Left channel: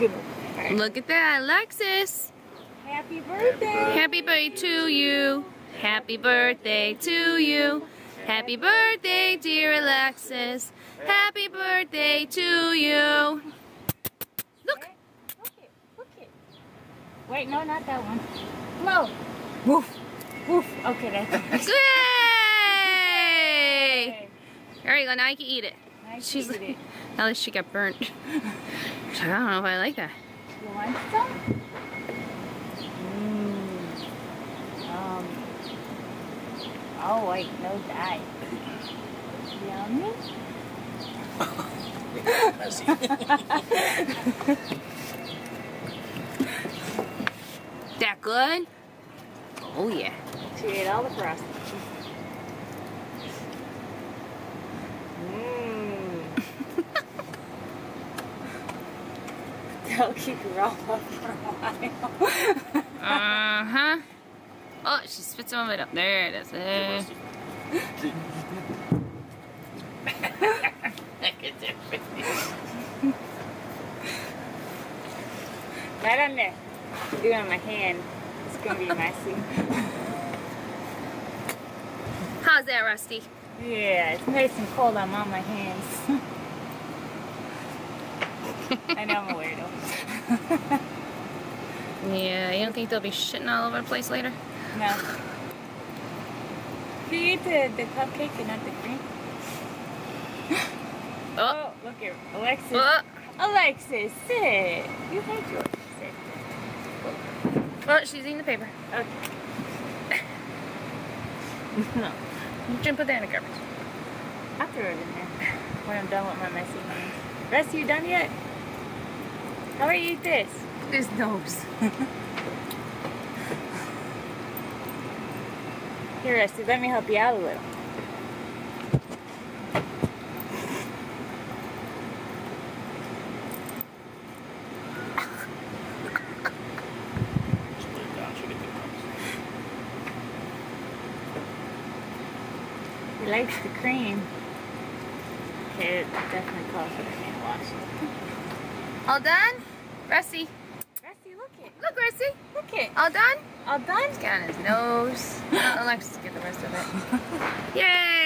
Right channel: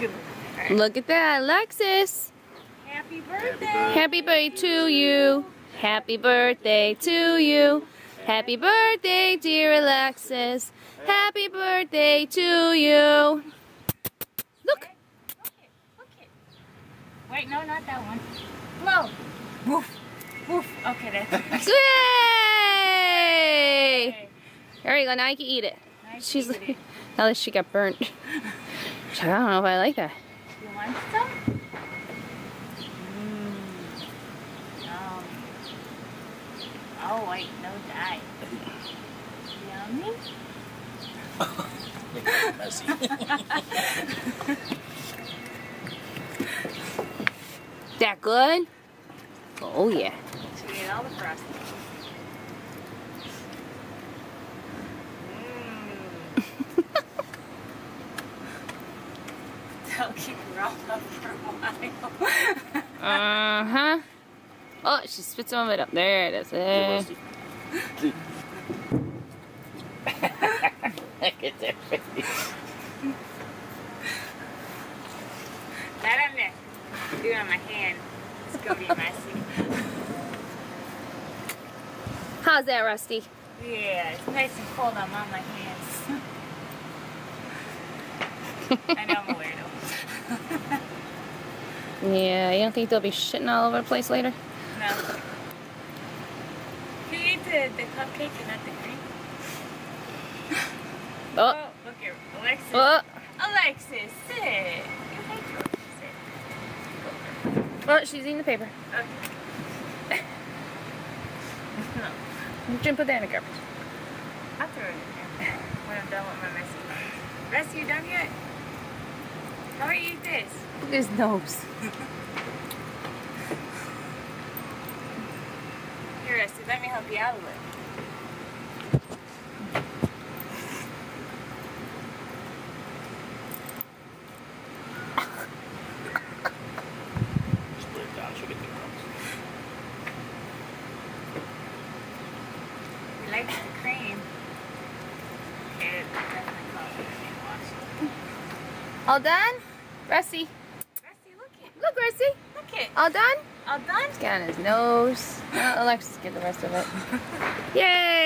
Right. Look at that, Alexis. Happy birthday. Happy birthday to you. Happy birthday to you. Happy birthday, dear Alexis. Happy birthday to you. Look. Wait, no, not that one. Low. Woof. Woof. Okay, that's it. Yay! There you go, now you can eat it. She's like, at least she got burnt. She's like, I don't know if I like that. You want some? Oh wait, no dye. Yummy. That good? Oh yeah. She ate all the frosting. They'll keep you all up for a while. Uh-huh. Oh, she spit some of it up. There it is. There. Not on there. Do it on my hand. It's gonna be messy. How's that, Rusty? Yeah, it's nice and cold on all my hands. I know I'm a weirdo. Yeah, you don't think they'll be shitting all over the place later? No. You eat the cupcake and not the cream? Oh, look here. Alexis. Alexis, sit. You think you're sit. Oh, she's eating the paper. Okay. No. You shouldn't put that in the garbage. I'll throw it in there when I'm done with my messy ones. Rusty, you done yet? How do you eat this? Look at his nose. Here, Rusty, let me help you out a little. He likes the cream. Okay, it definitely calls for the hand wash. All done? Rusty. Rusty, look it. Look, Rusty. Look it. All done? All done? He's got on his nose. Alexis, get the rest of it. Yay!